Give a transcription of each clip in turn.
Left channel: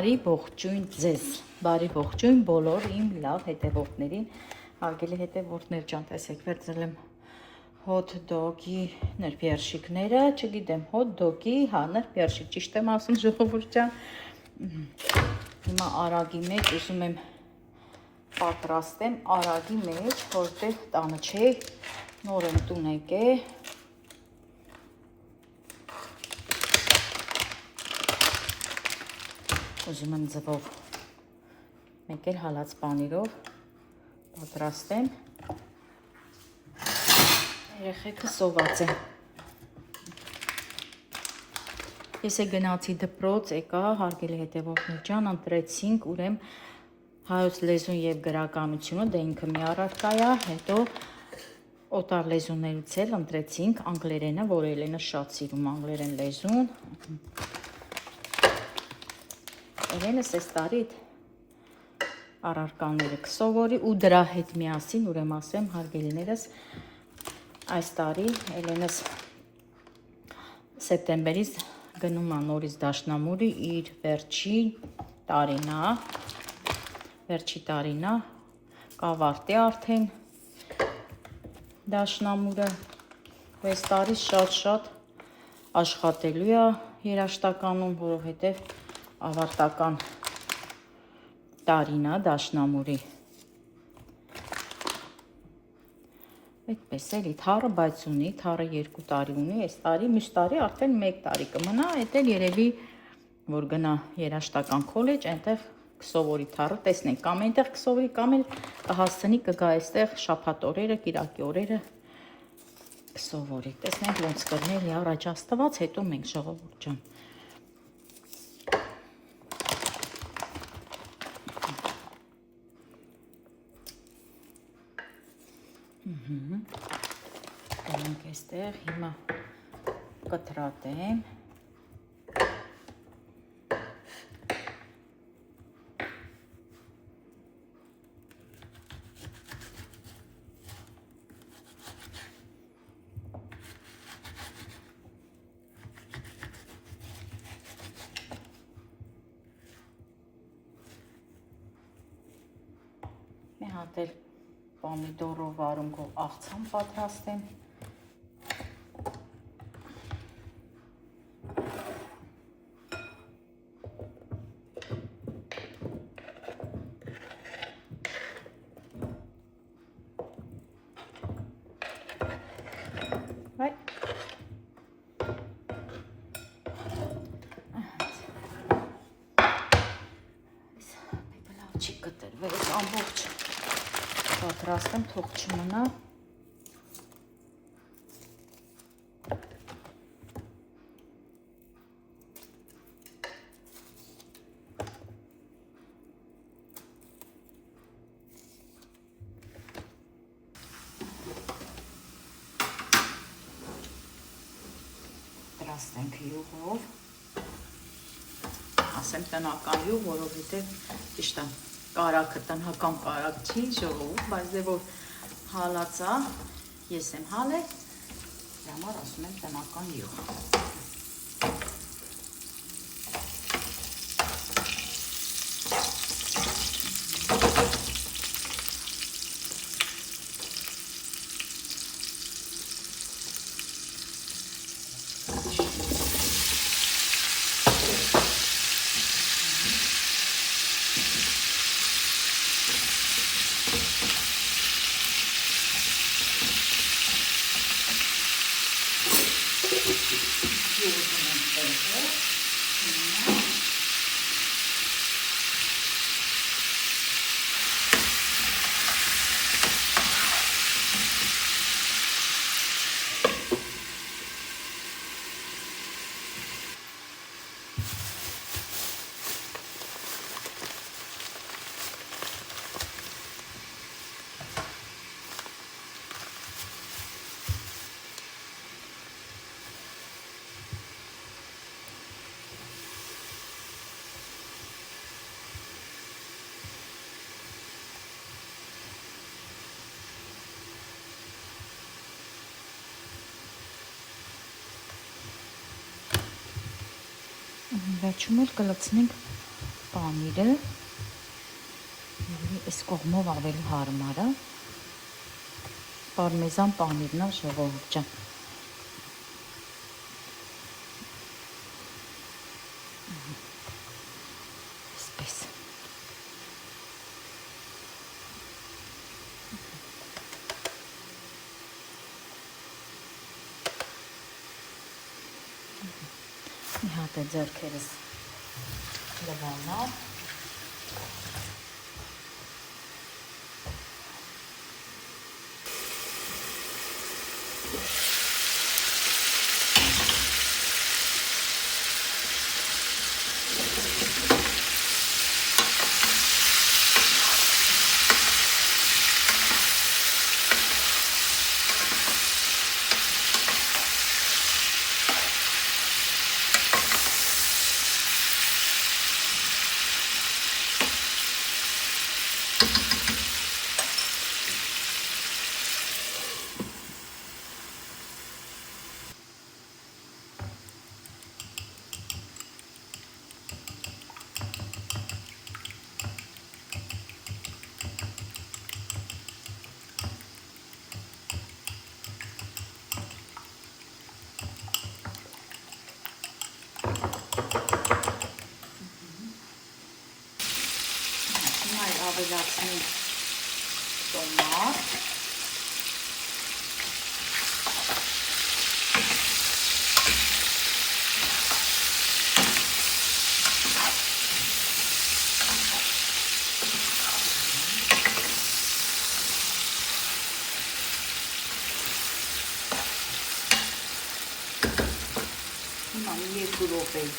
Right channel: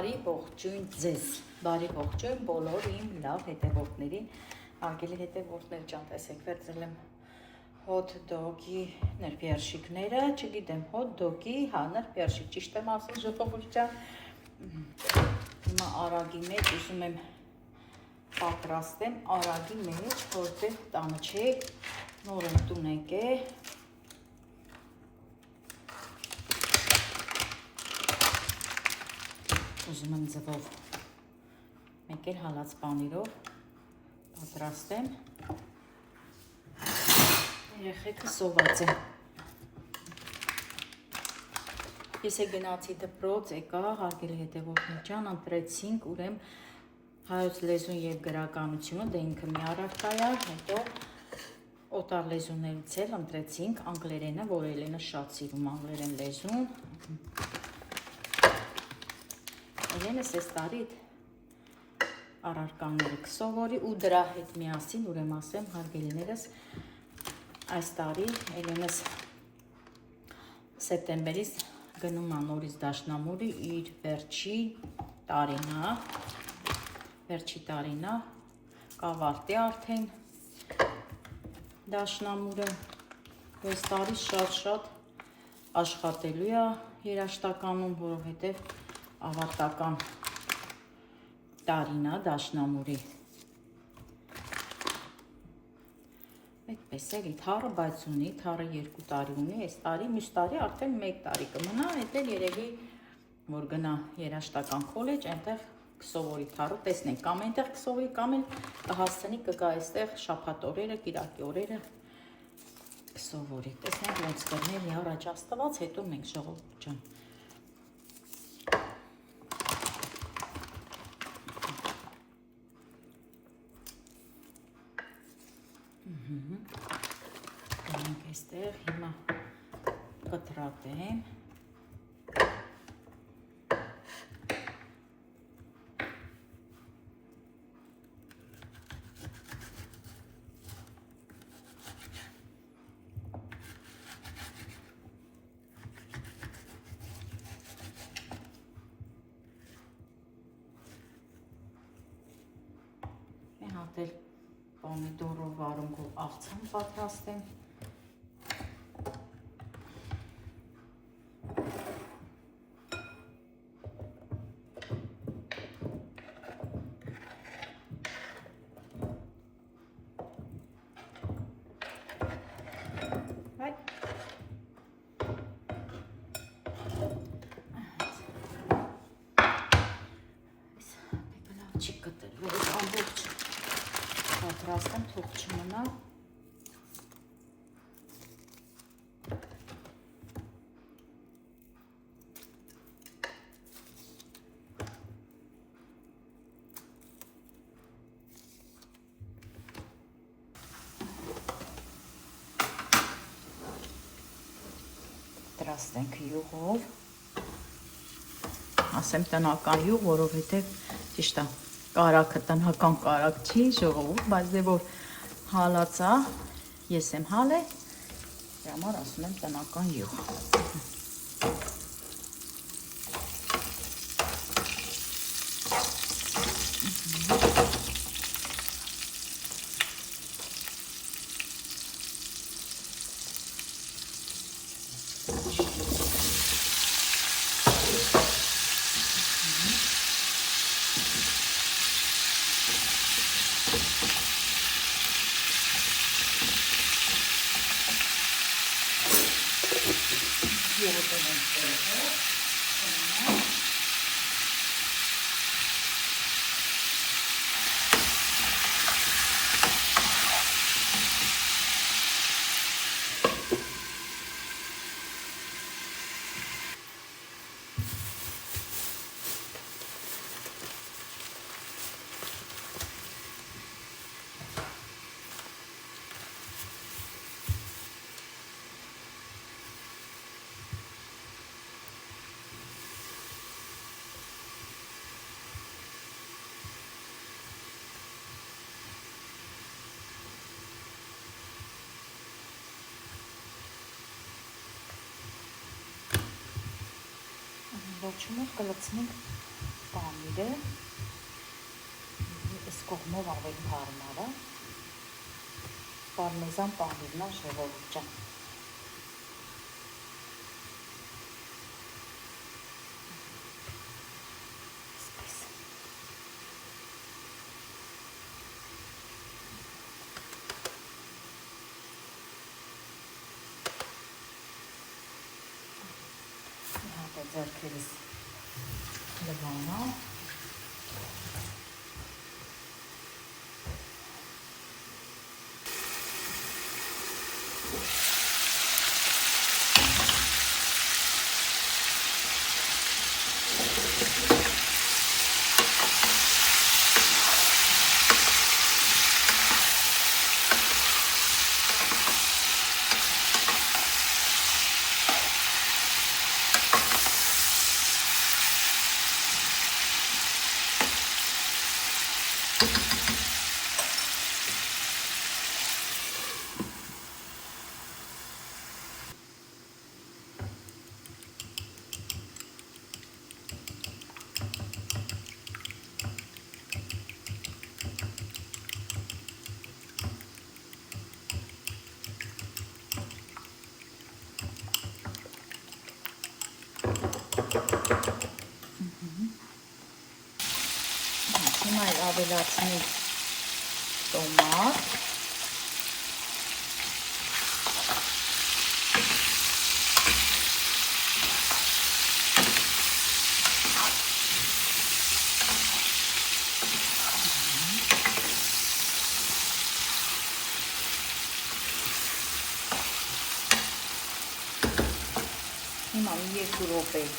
Բարի ողջույն ձեզ, բարի ողջույն բոլոր իմ լավ հետևորդներին, հարգելի հետևորդներ ջան, տեսեք վերցրել եմ հոթ դոգի ներբերշիկները, չգիտեմ, հոթ դոգի, հա, ներբերշիկ, ճիշտ եմ ասում ժողովուրդ ջան, հիմա արագի մեջ ուզում եմ պատրաստեմ, արագի մեջ, որտեղ տանը չէ, նոր եմ տուն եկել, ուզում եմ ձվով մեկ էլ հալած պանիրով պատրաստեմ, երեխեքը սոված են, ես է գնացի դպրոց, եկա, հարգելի հետևորդներ ջան, ընտրեցինք ուրեմ հայոց լեզուն և գրականությունը, դե ինքը մի առարկա է, հետո օտար լեզուներից էլ ընտրեցինք անգլերենը, որ Էլենը շատ սիրում անգլերեն լեզուն, Էլենս այս տարի առարկաները կսովորի ու դրա հետ միասին ուրեմ ասեմ հարգելիներս այս տարի Էլենս սեպտեմբերից գնում է նորից դաշնամուրի իր վերջի տարինա կավարտի արդեն դաշնամուրը այս տարի շատ աշխատելու է երաժշտականում, որովհետև ավարտական տարին է դաշնամուրի, այդպես էլի, թառը բայց ունի, թառը 2 տարի ունի, այս տարի, մյուս տարի արդեն 1 տարի կմնա, այդ էլ երևի, որ գնա երաժշտական քոլեջ, այնտեղ կսովորի թառը, տեսնենք, կամ այնտեղ կսովորի, կամ էլ կհասցնի կգա այստեղ շաբաթ օրերը, կիրակի օրերը կսովորի, տեսնենք ոնց կլինի առաջ Աստված, հետո մենք ժողովուրդ ջան Գնանք այստեղ, հիմա կտրատեմ, մի հատ էլ պոմիդորով վարունգով աղցան պատրաստեմ, չի կտրվել, ամբողջ պատրաստեմ, թող չմնա, պատրաստենք յուղով, ասեմ տնական յուղ, որովհետև ճիշտ է, կարագը տնական կարագ չի ժողովուրդ, բայց դե որ հալածա, ես եմ հալել, դե համար ասում եմ տնական յուղ։ Վերջում էլ կլցնենք պանիրը, այս կողմով ավելի հարմար է, պարմեզան պանիրն է ժողովուրդ ջան։ Ձեռքերս լվանա,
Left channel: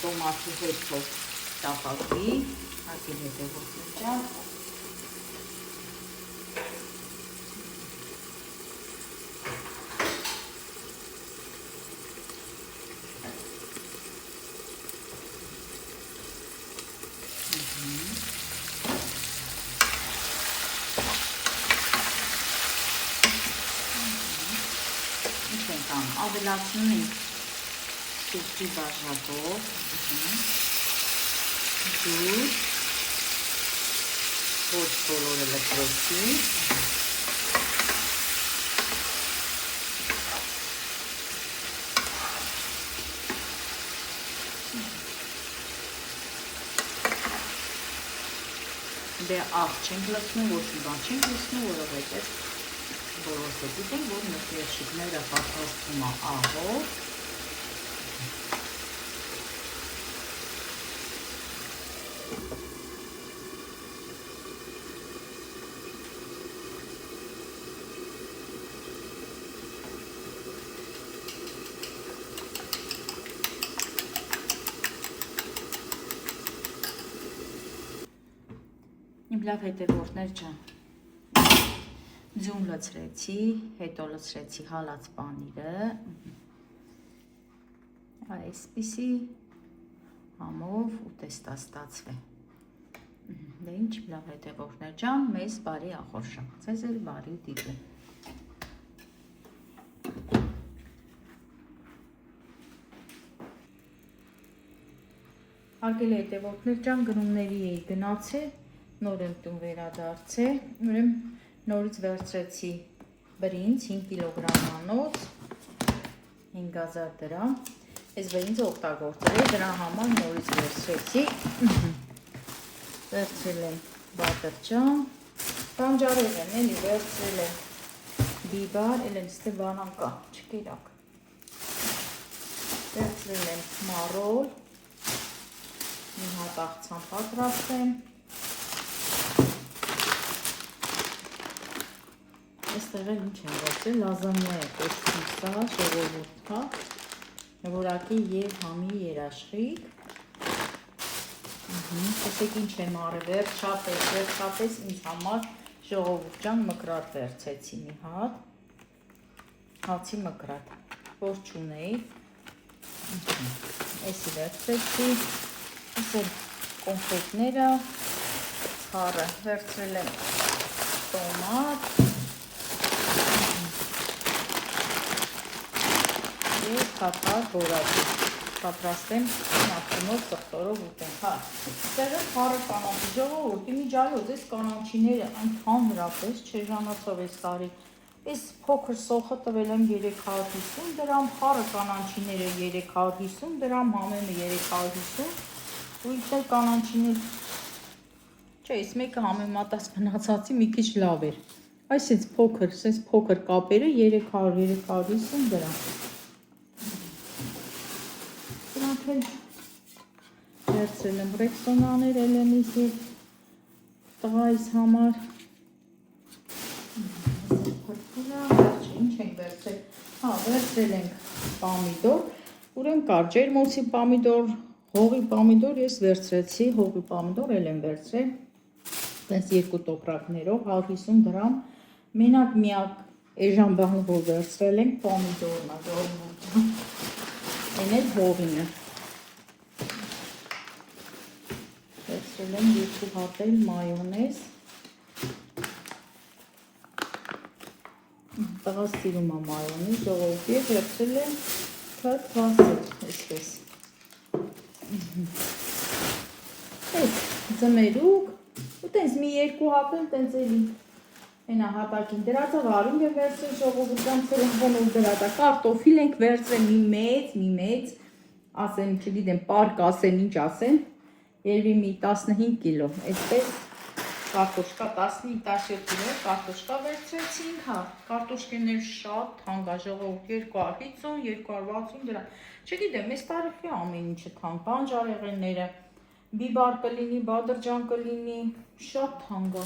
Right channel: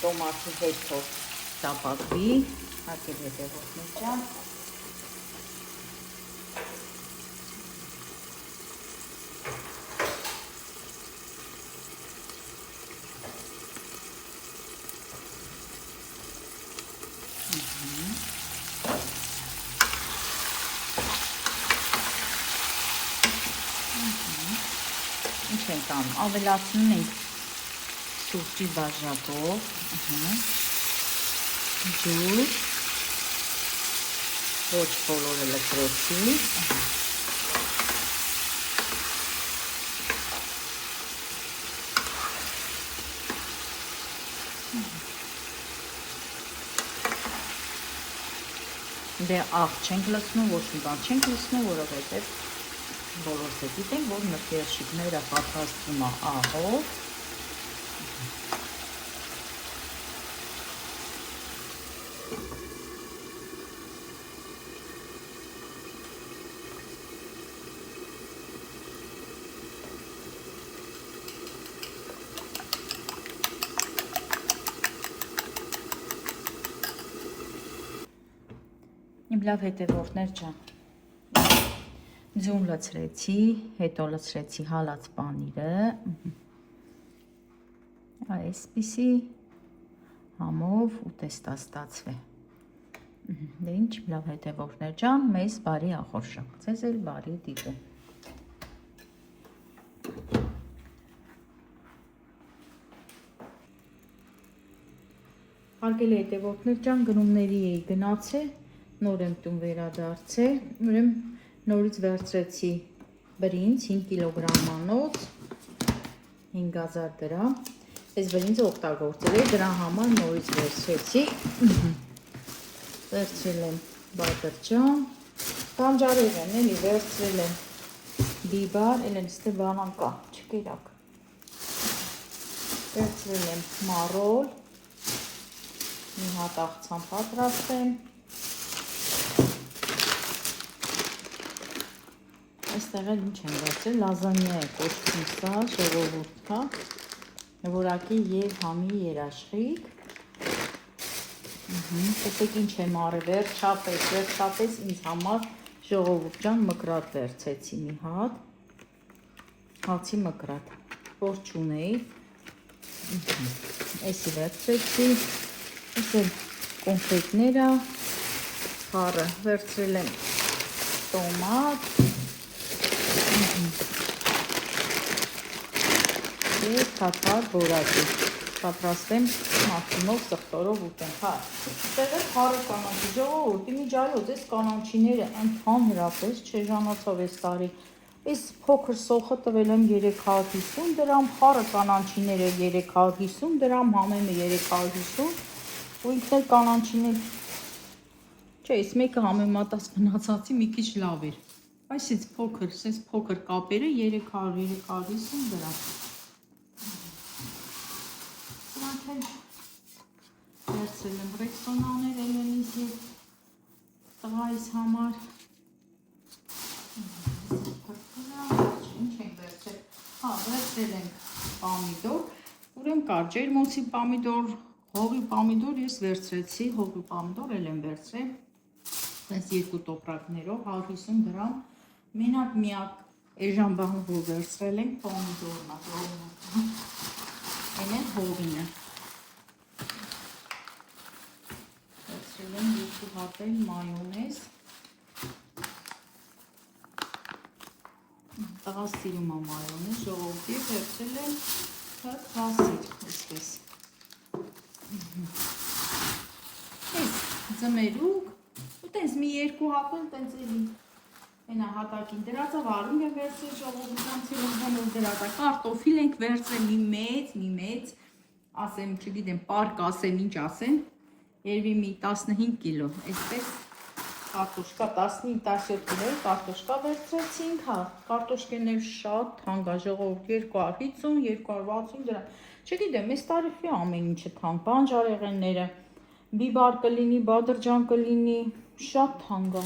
տոմատի հետ ճապատվի, հարկել հետևորդնեջա, ավելացնում ենք սուրճի բաժակով, ոչ խոմանը լպրոցի, չենք լսնում, ոչ մի բան չենք լսնում, որովհետև գիտենք, որ մկերշիկները պատրաստվում է աղով, իմ լավ հետևորդներ ջան, ձուն լցրեցի, հետո լցրեցի հալած պանիրը, այսպիսի համով ուտեստա ստացվե, դե ինչ լավ հետևորդներ ջան, մեզ բարի ախորժակ, ձեզ էլ բարի դիտում։ Հարգելի հետևորդներ ջան, գնումների էի գնացել, նոր եմ տուն վերադարձել, նորից վերցրեցի բրինձ 5 կիլոգրամանոց, 5000 դրամ, այս բրինձը օգտագործել եմ, դրա համար նորից վերցրեցի, վերցրել եմ բադրջան, բանջարով եմ, էլի վերցրել եմ բիբար, էլ եմ ստե բանան կա, չկիրակ, վերցրել եմ մարոլ, մի հատ աղցան պատրաստեմ, այստեղ էլ ինչ եմ վերցրել, լազանյա է կոչվում սա, ժողովուրդ կա, որակի և համի երաշխիք, տեսեք ինչ եմ արել, վերջապես ինձ համար ժողովուրդ ջան մկրատ վերցեցի մի հատ, հացի մկրատ, որ չունեի, էսի վերցրեցի, էսի կոնֆետները, հարը վերցրել եմ տոմատ, և թափար բորակի, պատրաստեմ մաքրումով, սխտորով ուտենք, հա։ Տեղը քարը կանաչի ժողովուրդ, իմիջալոց այս կանաչիները ընդհանրապես չեժանացավ այս տարի։ Այս փոքր սոխը տվել եմ 350 դրամ, քարը կանաչիները 350 դրամ, համենը 350, ու իդե կանաչիներ, չէ, այս մեկը համեմատած մնացածի մի քիչ լավ էր։ Այս փոքր կապերը 300-350 դրամ։ Դրանք էլ վերցրել եմ ռեքսոնաներ Էլենիս հետ տղայիս համար։ Ինչ ենք վերցրել։ Հա, վերցրել ենք պամիդոր, ուրեմն կար ջերմոցի պամիդոր, հողի պամիդոր, ես վերցրեցի հողի պամիդոր, էլ եմ վերցրել, տես 2 տոպրակներով 150 դրամ, մենակ միակ էժան բանը, որ վերցրել եմ պամիդորն է, այն էլ հողին է։ Վերցրել եմ 2 հատել մայոնեզ, տղա սիրում է մայոնեզ, ժողովուրդ, և վերցրել եմ թթվասեր, այսպես։ Այս ձմերուկ, ու տենց մի 2 հատել, տենց էլի, այնա հատակին դրածը վարունգ է վերցրել ժողովուրդան ցելոֆանով դրածը, կարտոֆիլ ենք վերցրել մի մեծ, ասեմ, չգիտեմ, պարկ ասեմ, ինչ ասեմ, երևի մի 15 կիլո, այսպես կարտոշկա 15-17 կիլո կարտոշկա վերցրեցինք, հա, կարտոշկեներ շատ թանկ է, ժողովուրդ 250-260 դրամ, չգիտեմ, այս տարիքի ամեն ինչը թանկ, բանջարեղենները, բիբար կլինի, բադրջան կլինի, շատ թանկ է,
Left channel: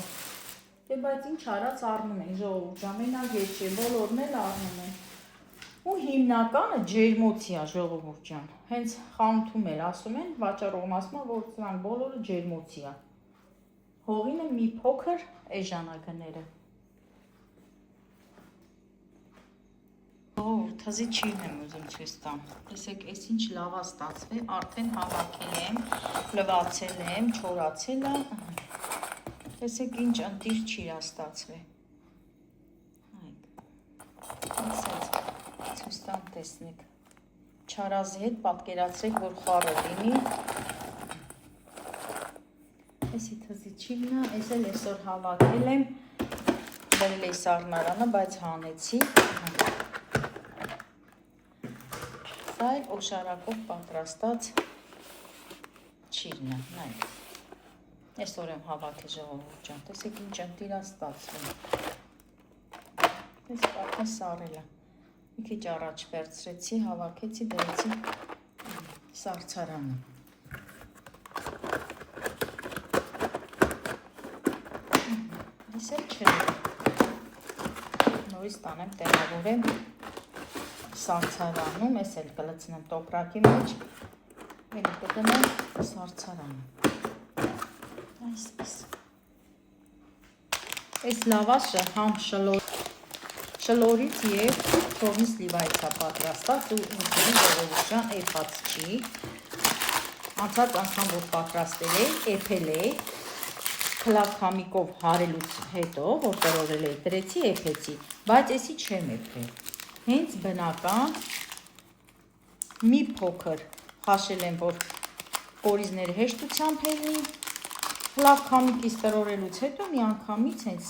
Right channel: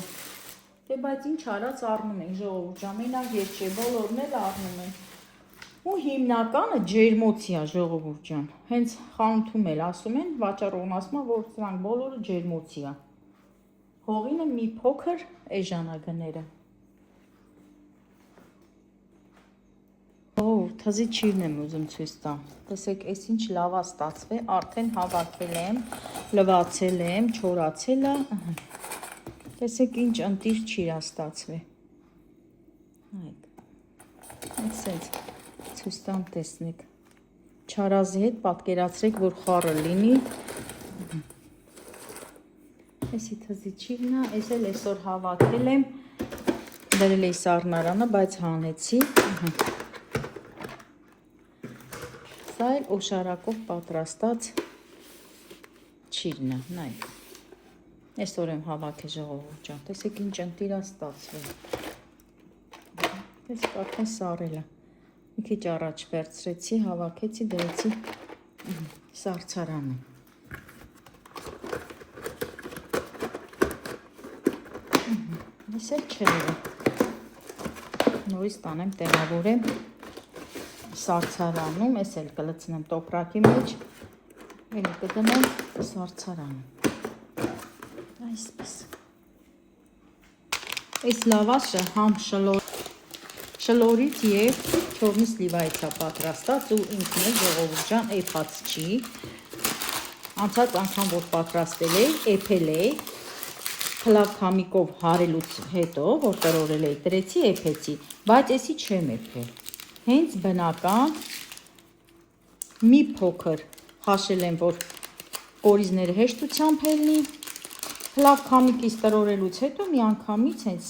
դե բայց ինչ արած առնում ենք, ժողովուրդ ջան, մենակ ես չէ, բոլորն էլ առնում են, ու հիմնականը ջերմոցի է, ժողովուրդ ջան, հենց խանութում էլ ասում են, վաճառողն ասում է, որ սրանք բոլորը ջերմոցի է, հողինը մի փոքր էժանագները։ Թզի չիրն եմ ուզում ցույց տամ, տեսեք, այս ինչ լավ է ստացվել, արդեն հավաքել եմ, լվացել եմ, չորացել է, տեսեք ինչ ընտիր չիր է ստացվել, ասենց, ցույց տամ տեսնեք, չարազի հետ պատկերացրեք, որ խառը լինի, Էսի թզի չիրն է, ես էլ այսօր հավաքել եմ, դրել էի սառնարանը, բայց հանեցի, սա էլ օշարակով պատրաստած չիրն է, նայեք, այսօր եմ հավաքել ժողովուրդ ջան, տեսեք ինչ ընտիր է ստացվել, այս կարդա սառել է, մի քիչ առաջ վերցրեցի, հավաքեցի, դրեցի սառցարանը, Իսել չեղը, նույս տանեմ տեղավորեմ սառցարանում, ես էլ կլցնեմ տոպրակի մեջ, էլ կդնեմ սառցարանը, այսպես, այս լավաշը համ շլորից և թողնի սլիվայից է պատրաստած ու ինքն է ժողովուրդ ջան էպած չի, անցած անգամ որ պատրաստել էի, էփել էի, խլավ քամիկով հարելուց հետո, որ տրորել էի, տրեցի, էփեցի, բայց էսի չեմ էփել, հենց բնական, մի փոքր հաշել եմ, որ կորիզները հեշտությամբ ելնի, խլավ քամիկից տրորելուց հետո մի անգամից հենց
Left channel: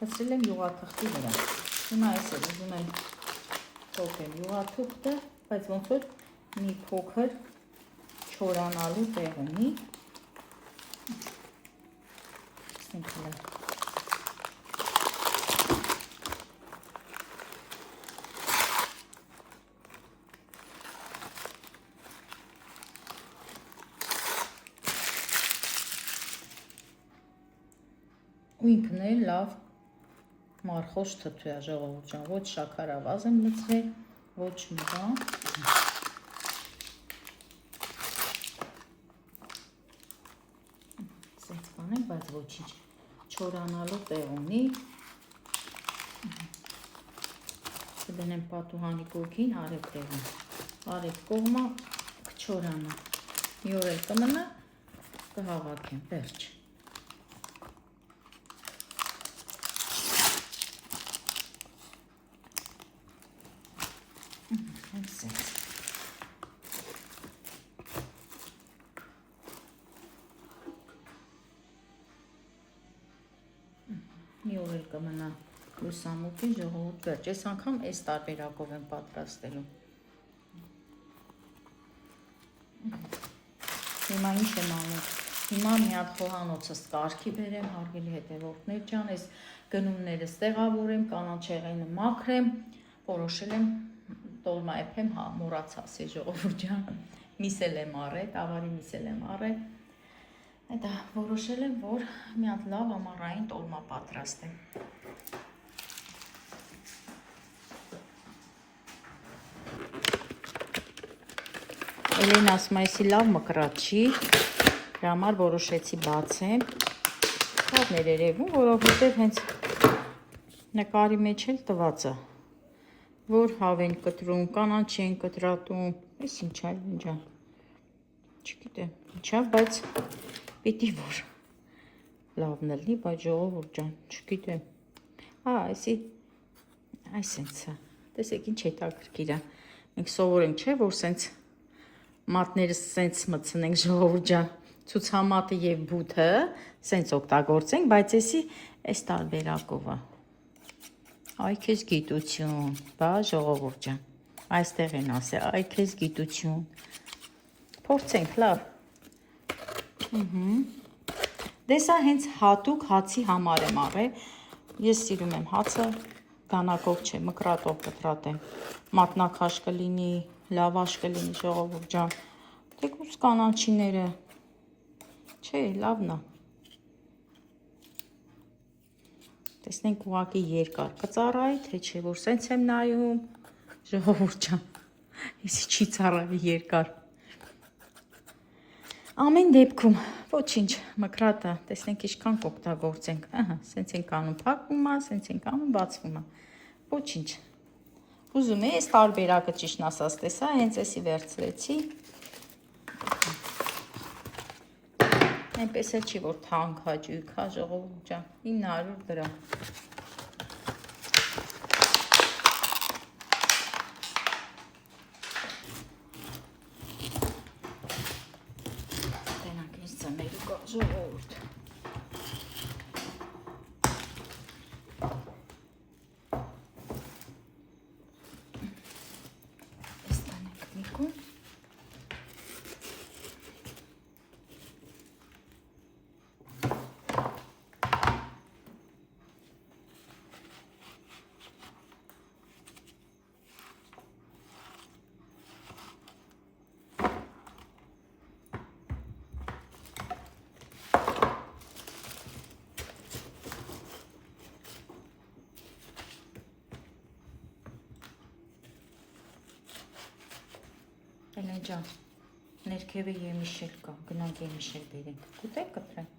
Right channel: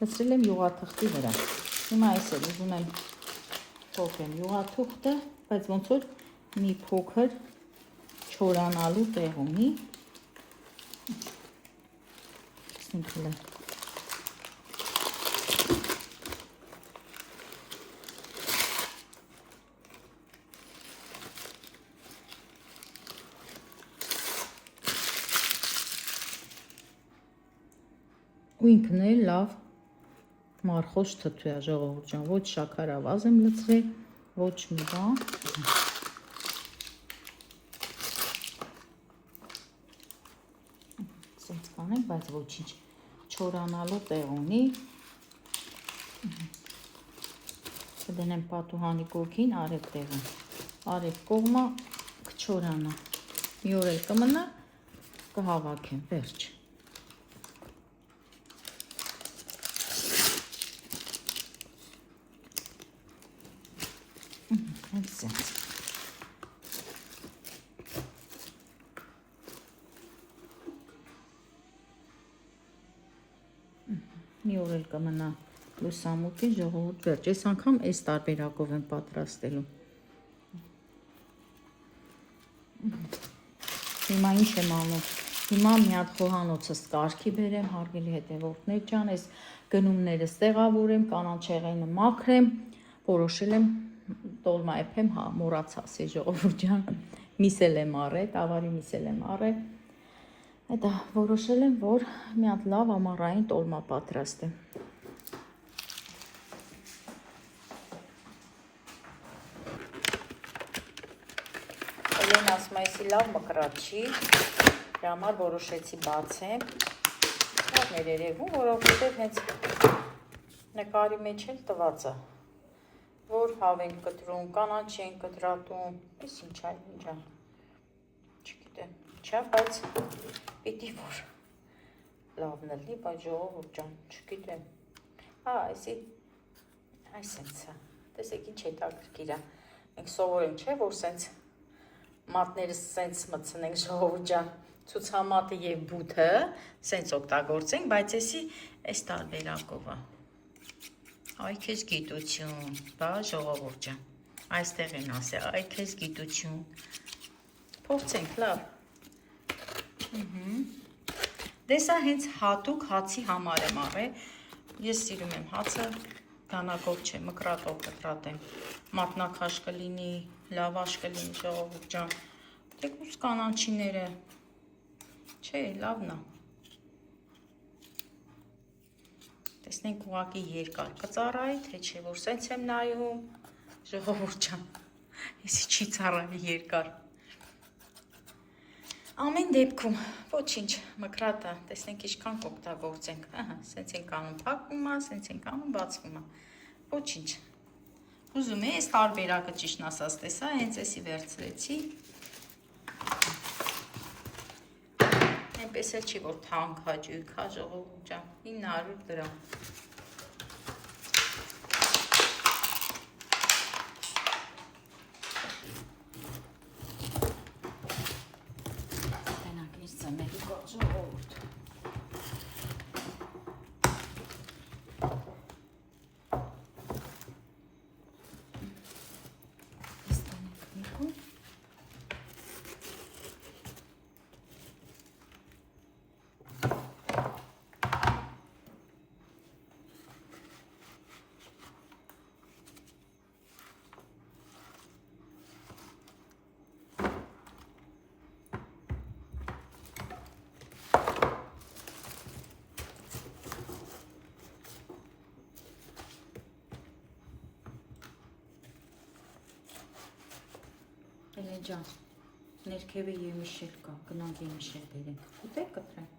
հսրել եմ յուղաթղթի վրա, հիմա այս էլ ուզում եմ փոխեմ յուղաթղթը, բայց ոնց որ մի փոքր չորանալու տեղ ունի, ու ինքն էլ լավ մարխոշ թթու է ժողովուրդ ջան, ոչ շաքարավազ եմ լցրել, ոչ մի բան, սենց կանեմ, բայց ոչինչ, չորանալու տեղ ունի, կդնեմ պատուհանի կողքին արև տեղում, արև կողմը կչորանա, մի օր էլ կմնա, կհավաքեմ, վերջ։ մի օր էլ կմնա լուսամուտին ժողովուրդ վերջ։ Այս անգամ այս տարբերակով եմ պատրաստելու։ Հիմա ինչ եմ անում։ Հիմա մի հատ խոհանոցս կարգի բերեմ, հարգելի հետևորդներ ջան, այս գնումներս տեղավորեմ, կանաչեղենը մաքրեմ, որոշել եմ տոլմա եփեմ, հա, մոռացա ժողովուրդ ջան, միսել եմ առել, տավարի միսել եմ առել։ Դա որոշել եմ, որ մի հատ լավ ամառային տոլմա պատրաստեմ։ Էլեն ասում է, այսի լավ մկրատ չի, դրա համար որոշեցի բացեմ։ Լավն էր երևում, որովհետև հենց նկարի մեջ էլ տված է, որ հավ են կտրում, կանաչ են կտրատում, այս ինչ է, ինչա, չգիտեմ, ինչա, բայց պիտի որ լավն էլի, բայց ժողովուրդ ջան, չգիտեմ, այս սենցը, տեսեք ինչ հետաքրքիր է, մենք սովորենք չէ, որ սենց մատներս սենց մտցնենք ժողովուրդ ջան, ցուցամատը եւ բութը սենց օգտագործենք, բայց էսի այս տարբերակով է։ Այ քեզ գիտություն, բա ժողովուրդ ջան, այստեղ են ասել, այ քեզ գիտություն։ Փորձենք, լավ։ Դե սա հենց հատուկ հացի համար եմ առել։ Ես սիրում եմ հացը, դանակով չէ, մկրատով կտրատեմ։ Մատնաքաշ կլինի, լավաշ կլինի ժողովուրդ ջան։ Թեկուզ կանաչիները, չէ, լավն է։ Տեսնենք ուղղակի երկար կծառայի, թե չէ, որ սենց եմ նայում, ժողովուրդ ջան, եսի չի ծառայի երկար։ Ամեն դեպքում, ոչինչ, մկրատը, տեսնենք ինչքան կօգտագործենք, սենց ենք անում փակվում է, սենց ենք անում բացվում է, ոչինչ։ Ուզում ես տարբերակը ճիշտն ասած տեսա, հենց էսի վերցրեցի, այնպես էլ չի, որ թանկ հաճույք, հա ժողովուրդ ջան, 900 դրամ։ Ժողովուրդ տեսնենք միկուն ջան, ներքևը եմիշել կա, գնանք եմիշել բերենք, ուտեք կտրեն։